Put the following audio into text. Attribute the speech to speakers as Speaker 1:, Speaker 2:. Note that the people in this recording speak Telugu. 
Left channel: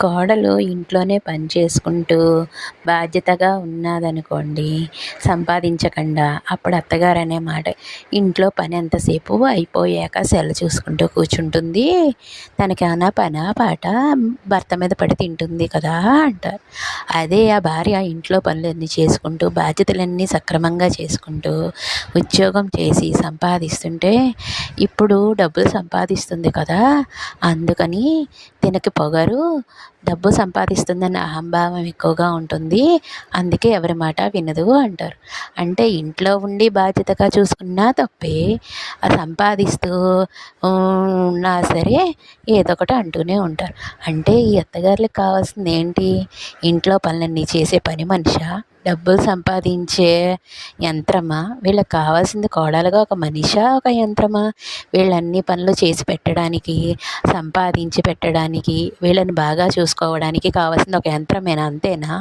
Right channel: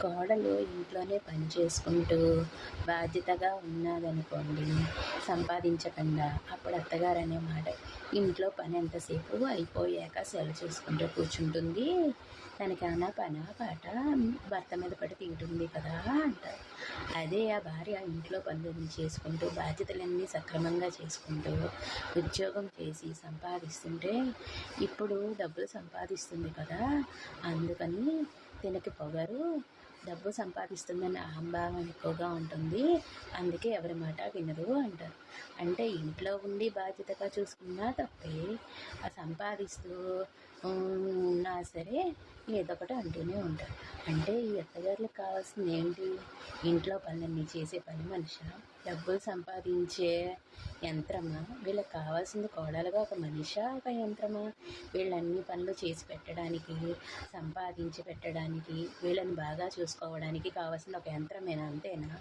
Speaker 1: కోడలు ఇంట్లోనే పని చేసుకుంటూ బాధ్యతగా ఉన్నదనుకోండి సంపాదించకుండా అప్పుడు అత్తగారు అనే మాట. ఇంట్లో పని ఎంతసేపు అయిపోయాక సెల్ చూసుకుంటూ కూర్చుంటుంది. తనకి పనా పాట? భర్త మీద పడి తింటుంది కదా అంటారు. అదే ఆ భార్య ఇంట్లో పనులన్నీ చేసుకుంటూ బాధ్యతలన్నీ సక్రమంగా చేసుకుంటూ ఉద్యోగం చేసి సంపాదిస్తుంటే ఇప్పుడు డబ్బులు సంపాదిస్తుంది కదా. అందుకని తినకి పొగరు డబ్బు సంపాదిస్తుందన్న అహంభావం ఎక్కువగా ఉంటుంది. అందుకే ఎవరి మాట వినదు అంటారు. అంటే ఇంట్లో ఉండి బాధ్యతగా చూసుకున్నా తప్పే. సంపాదిస్తూ ఉన్నా సరే ఏదో ఒకటి అంటూనే ఉంటారు. అంటే ఈ అత్తగారులకు కావాల్సింది ఏంటి? ఇంట్లో పనులన్నీ చేసే పని మనిషా? డబ్బులు సంపాదించే యంత్రమా? వీళ్ళకి కావాల్సింది కోడలుగా ఒక మనిషా ఒక యంత్రమా? వీళ్ళన్ని పనులు చేసి పెట్టడానికి సంపాదించి పెట్టడానికి వీళ్ళని బాగా చూసుకోవడానికి కావాల్సింది ఒక యంత్రమేనా? అంతేనా?